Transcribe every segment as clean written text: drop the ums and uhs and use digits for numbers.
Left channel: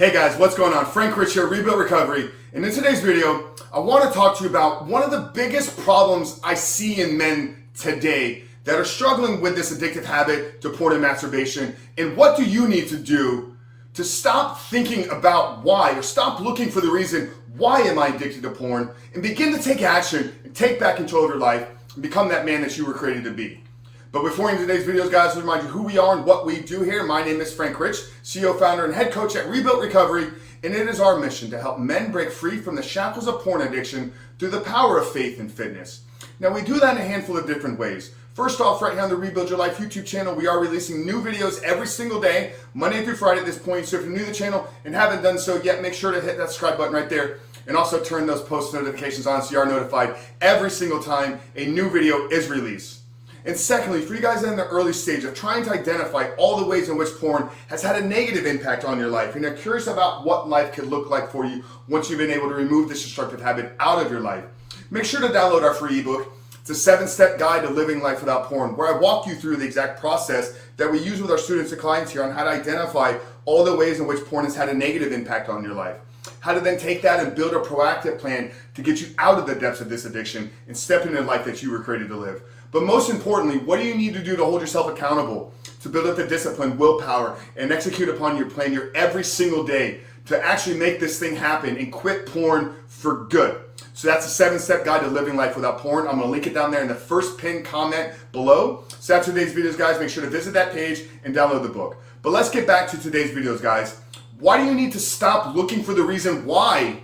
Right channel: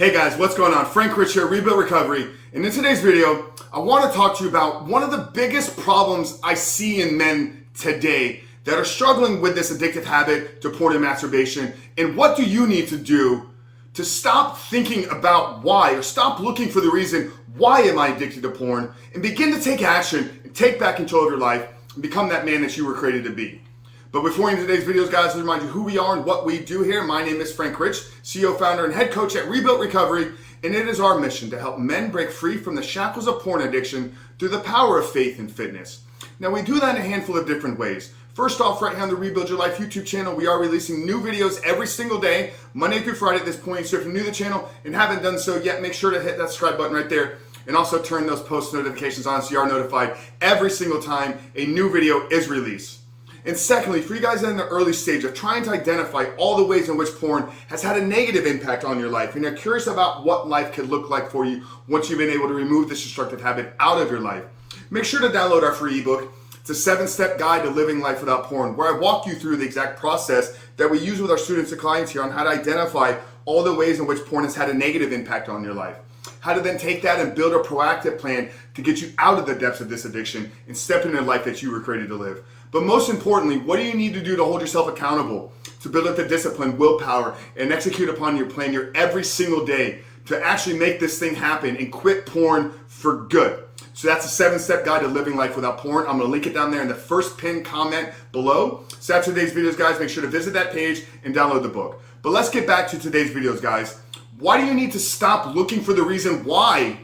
Hey guys, what's going on? Frank Rich here, Rebuild Recovery. And in today's video, I want to talk to you about one of the biggest problems I see in men today that are struggling with this addictive habit to porn and masturbation. And what do you need to do to stop thinking about why, or stop looking for the reason, why am I addicted to porn, and begin to take action and take back control of your life and become that man that you were created to be. But before we get into today's videos, guys, let's remind you who we are and what we do here. My name is Frank Rich, CEO, founder, and head coach at Rebuild Recovery, and it is our mission to help men break free from the shackles of porn addiction through the power of faith and fitness. Now, we do that in a handful of different ways. First off, right here on the Rebuild Your Life YouTube channel, we are releasing new videos every single day, Monday through Friday at this point. So if you're new to the channel and haven't done so yet, make sure to hit that subscribe button right there and also turn those post notifications on so you are notified every single time a new video is released. And secondly, for you guys that are in the early stage of trying to identify all the ways in which porn has had a negative impact on your life, and you're curious about what life could look like for you once you've been able to remove this destructive habit out of your life, make sure to download our free ebook. It's a 7-step guide to living life without porn, where I walk you through the exact process that we use with our students and clients here on how to identify all the ways in which porn has had a negative impact on your life. How to then take that and build a proactive plan to get you out of the depths of this addiction and step into the life that you were created to live. But most importantly, what do you need to do to hold yourself accountable, to build up the discipline, willpower, and execute upon your plan your every single day to actually make this thing happen and quit porn for good? So that's a 7-step guide to living life without porn. I'm gonna link it down there in the first pinned comment below. So after today's videos, guys, make sure to visit that page and download the book. But let's get back to today's videos, guys. Why do you need to stop looking for the reason why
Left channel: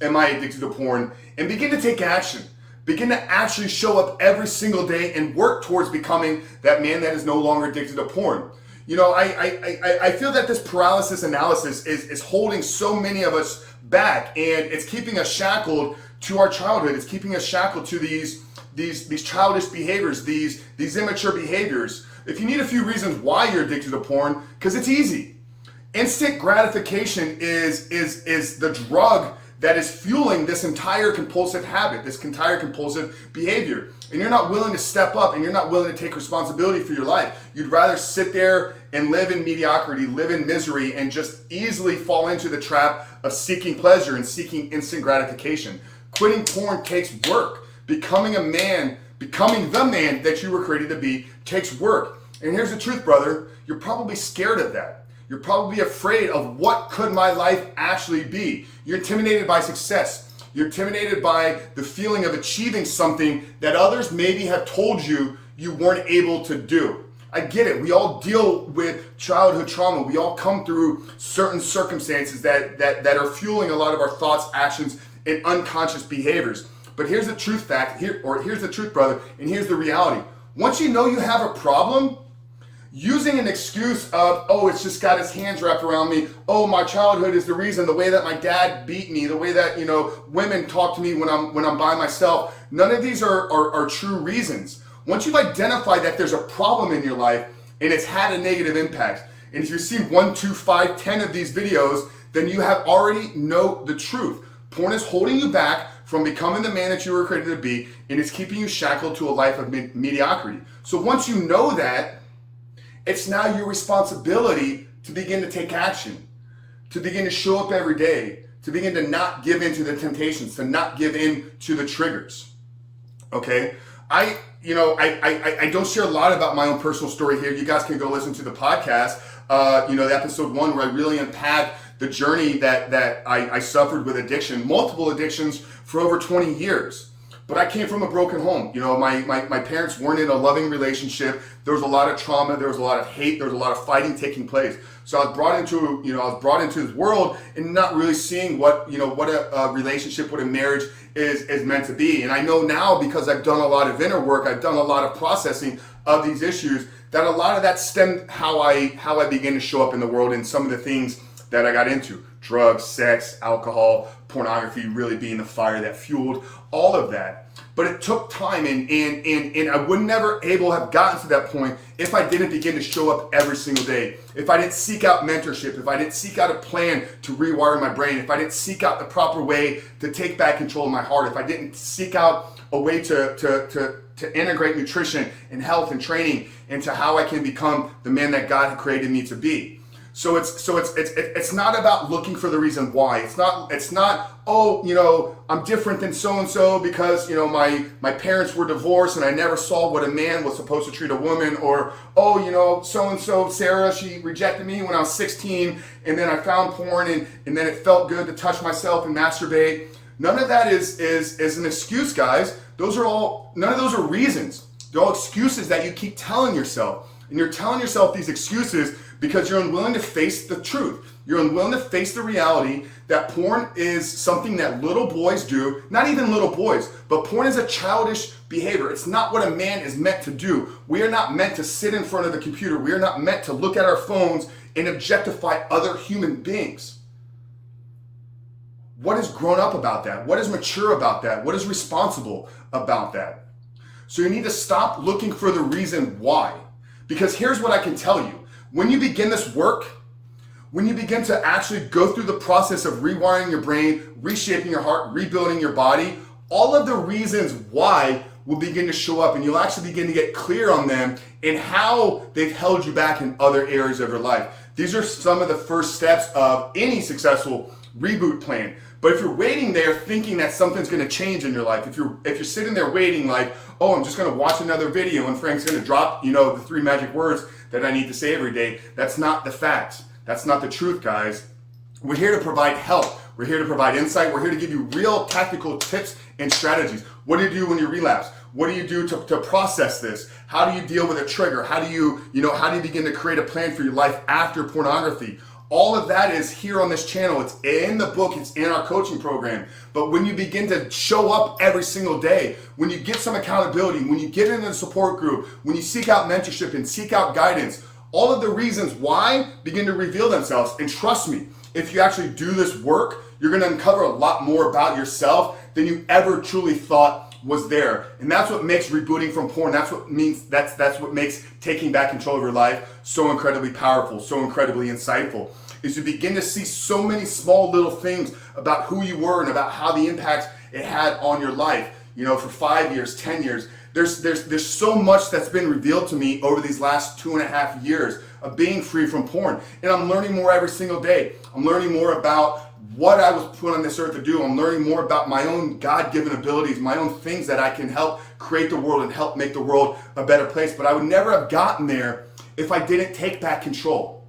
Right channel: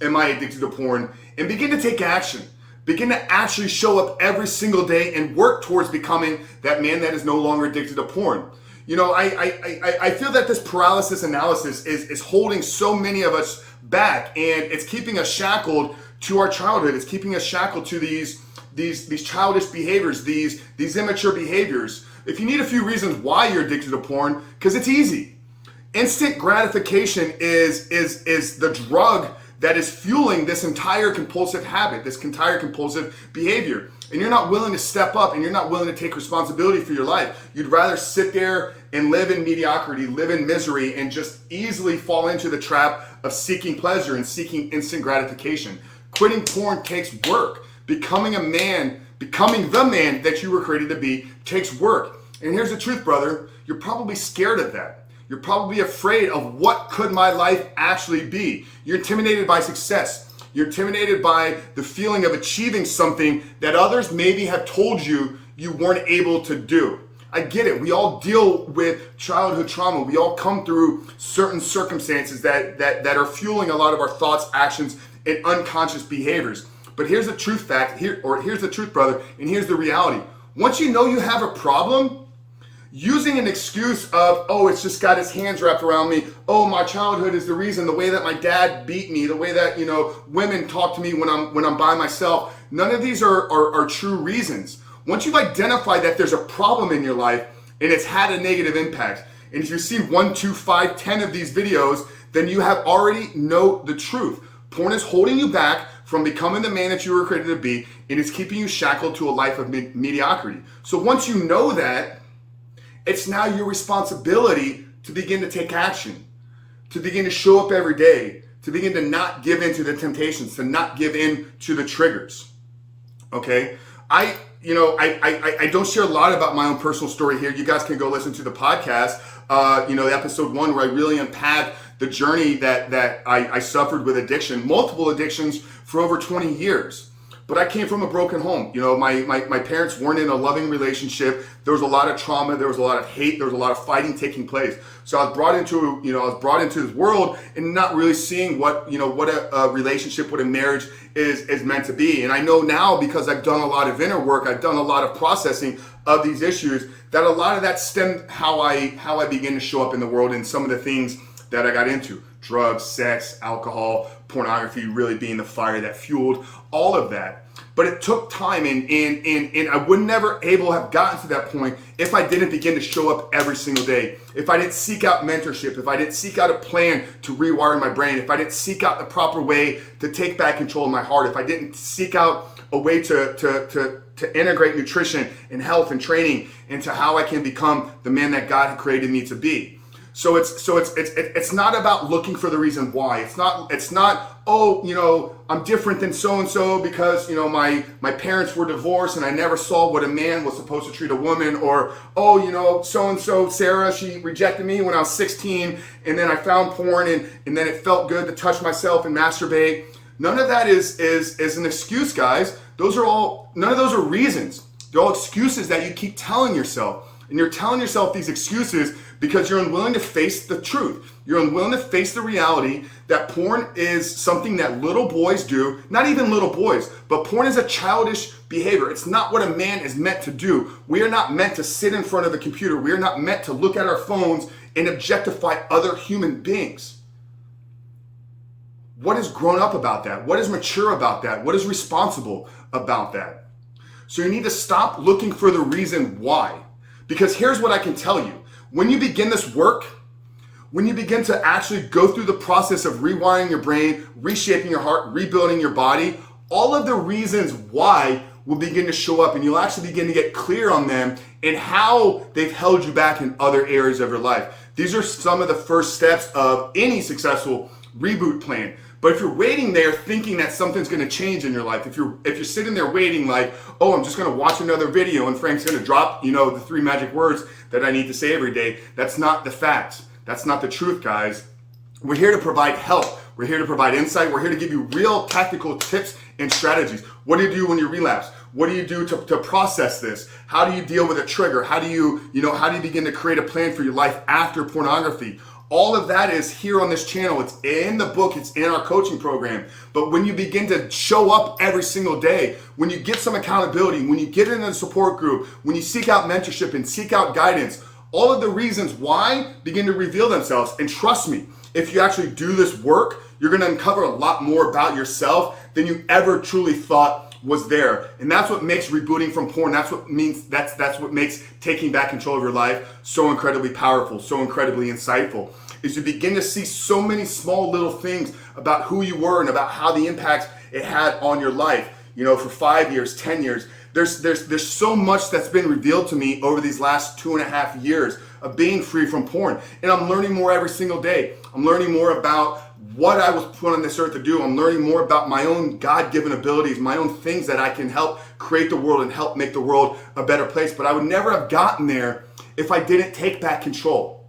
am I addicted to porn and begin to take action? Begin to actually show up every single day and work towards becoming that man that is no longer addicted to porn. You know, I feel that this paralysis analysis is holding so many of us back, and it's keeping us shackled to our childhood. It's keeping us shackled to these childish behaviors, these immature behaviors. If you need a few reasons why you're addicted to porn, because it's easy. Instant gratification is the drug that is fueling this entire compulsive habit, this entire compulsive behavior. And you're not willing to step up, and you're not willing to take responsibility for your life. You'd rather sit there and live in mediocrity, live in misery, and just easily fall into the trap of seeking pleasure and seeking instant gratification. Quitting porn takes work. Becoming a man, becoming the man that you were created to be takes work. And here's the truth, brother. You're probably scared of that. You're probably afraid of what could my life actually be. You're intimidated by success. You're intimidated by the feeling of achieving something that others maybe have told you you weren't able to do. I get it. We all deal with childhood trauma. We all come through certain circumstances that are fueling a lot of our thoughts, actions, and unconscious behaviors. But here's the truth here's the truth, brother, and here's the reality. Once you know you have a problem, using an excuse of, oh, it's just got his hands wrapped around me. Oh, my childhood is the reason, the way that my dad beat me, the way that, women talk to me when I'm by myself. None of these are true reasons. Once you've identified that there's a problem in your life and it's had a negative impact, and if you see 1, 2, 5, 10 of these videos, then you have already know the truth. Porn is holding you back from becoming the man that you were created to be, and it's keeping you shackled to a life of mediocrity. So once you know that, it's now your responsibility to begin to take action, to begin to show up every day, to begin to not give in to the temptations, to not give in to the triggers. Okay? I don't share a lot about my own personal story here. You guys can go listen to the podcast, the episode 1 where I really unpack the journey that I suffered with addiction, multiple addictions for over 20 years. But I came from a broken home. My parents weren't in a loving relationship. There was a lot of trauma. There was a lot of hate. There was a lot of fighting taking place. So I was brought into this world and not really seeing what a relationship, what a marriage is meant to be. And I know now, because I've done a lot of inner work, I've done a lot of processing of these issues, that a lot of that stemmed how I began to show up in the world, and some of the things that I got into: drugs, sex, alcohol, pornography really being the fire that fueled all of that. But it took time, and I would never able have gotten to that point if I didn't begin to show up every single day. If I didn't seek out mentorship, if I didn't seek out a plan to rewire my brain, if I didn't seek out the proper way to take back control of my heart, if I didn't seek out a way to integrate nutrition and health and training into how I can become the man that God had created me to be. It's not about looking for the reason why. It's not, oh, I'm different than so and so because my parents were divorced and I never saw what a man was supposed to treat a woman, or oh, so and so Sarah, she rejected me when I was 16 and then I found porn and then it felt good to touch myself and masturbate. None of that is an excuse, guys. None of those are reasons. They're all excuses that you keep telling yourself. And you're telling yourself these excuses because you're unwilling to face the truth. You're unwilling to face the reality that porn is something that little boys do. Not even little boys, but porn is a childish behavior. It's not what a man is meant to do. We are not meant to sit in front of a computer. We are not meant to look at our phones and objectify other human beings. What is grown up about that? What is mature about that? What is responsible about that? So you need to stop looking for the reason why. Because here's what I can tell you. When you begin this work, when you begin to actually go through the process of rewiring your brain, reshaping your heart, rebuilding your body, all of the reasons why will begin to show up, and you'll actually begin to get clear on them and how they've held you back in other areas of your life. These are some of the first steps of any successful reboot plan. But if you're waiting there thinking that something's going to change in your life, if you're sitting there waiting like, oh, I'm just going to watch another video and Frank's going to drop, the 3 magic words that I need to say every day, that's not the fact. That's not the truth, guys. We're here to provide help. We're here to provide insight. We're here to give you real tactical tips and strategies. What do you do when you relapse? What do you do to process this? How do you deal with a trigger? How do you begin to create a plan for your life after pornography? All of that is here on this channel. It's in the book. It's in our coaching program. But when you begin to show up every single day, when you get some accountability, when you get in a support group, when you seek out mentorship and seek out guidance, all of the reasons why begin to reveal themselves. And trust me, if you actually do this work, you're going to uncover a lot more about yourself than you ever truly thought was there. And that's what makes rebooting from porn, that's what makes taking back control of your life so incredibly powerful, so incredibly insightful, is you begin to see so many small little things about who you were and about how the impact it had on your life, for 5 years, 10 years. There's so much that's been revealed to me over these last 2.5 years of being free from porn. And I'm learning more every single day. I'm learning more about what I was put on this earth to do. I'm learning more about my own God-given abilities, my own things that I can help create the world and help make the world a better place. But I would never have gotten there if I didn't take back control.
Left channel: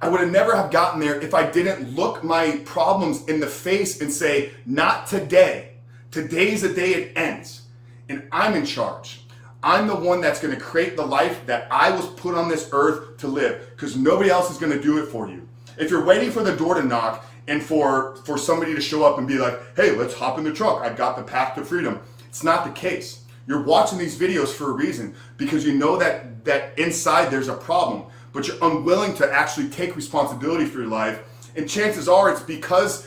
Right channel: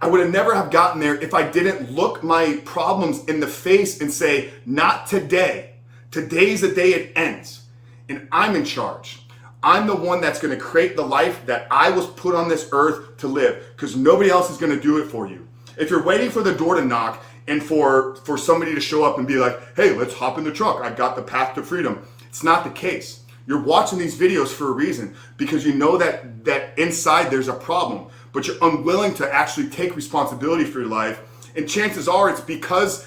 I would have never have gotten there if I didn't look my problems in the face and say, not today. Today's the day it ends. And I'm in charge. I'm the one that's going to create the life that I was put on this earth to live, because nobody else is going to do it for you. If you're waiting for the door to knock and for somebody to show up and be like, hey, let's hop in the trunk, I've got the path to freedom. It's not the case. You're watching these videos for a reason, because you know that inside there's a problem, but you're unwilling to actually take responsibility for your life. And chances are it's because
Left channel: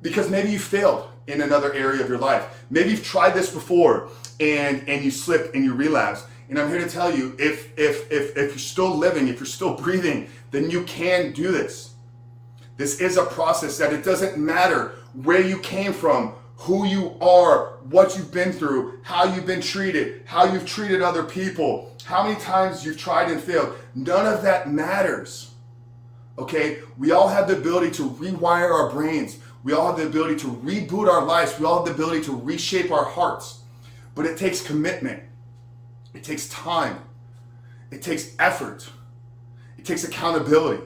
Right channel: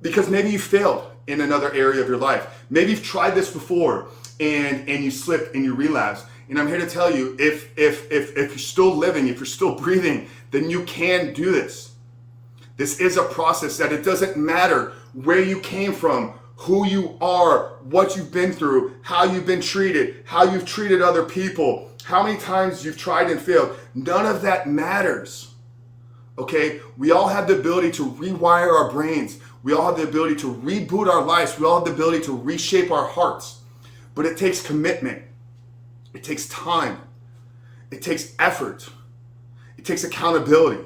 maybe you failed in another area of your life. Maybe you've tried this before and you slipped and you relapsed. And I'm here to tell you, if you're still living, if you're still breathing, then you can do this. This is a process that it doesn't matter where you came from, who you are, what you've been through, how you've been treated, how you've treated other people, how many times you've tried and failed. None of that matters. Okay? We all have the ability to rewire our brains. We all have the ability to reboot our lives. We all have the ability to reshape our hearts. But it takes commitment. It takes time. It takes effort. It takes accountability.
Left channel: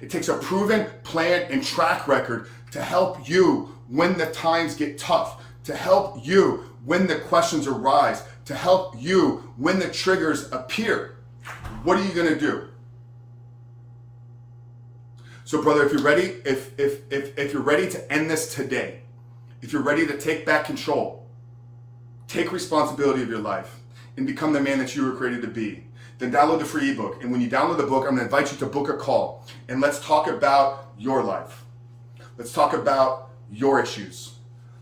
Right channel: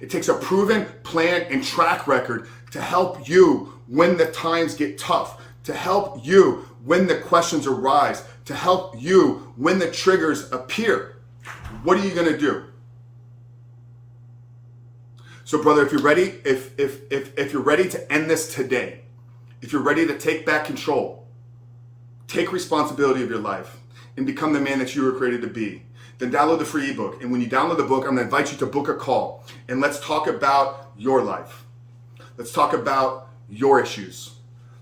It takes a proven plan and track record to help you when the times get tough, to help you when the questions arise, to help you when the triggers appear. What are you going to do? So brother, if you're ready, if you're ready to end this today, if you're ready to take back control, take responsibility of your life, and become the man that you were created to be, then download the free ebook. And when you download the book, I'm going to invite you to book a call, and let's talk about your life. Let's talk about your issues.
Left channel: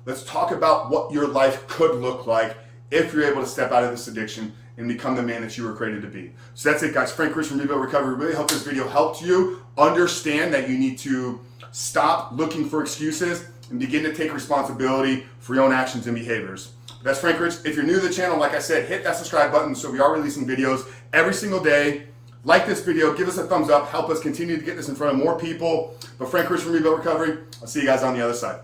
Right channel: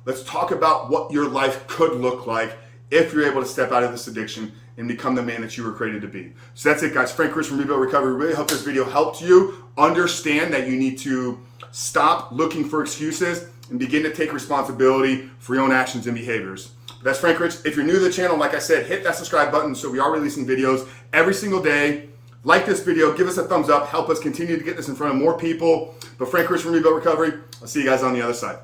Let's talk about what your life could look like if you're able to step out of this addiction and become the man that you were created to be. So that's it, guys. Frank Chris from Rebuild Recovery. Really hope this video helped you understand that you need to stop looking for excuses and begin to take responsibility for your own actions and behaviors. That's Frank Rich. If you're new to the channel, like I said, hit that subscribe button, so we are releasing videos every single day Like this video, give us a thumbs up, help us continue to get this in front of more people. But Frank Rich from Rebuilt Recovery, I'll see you guys on the other side.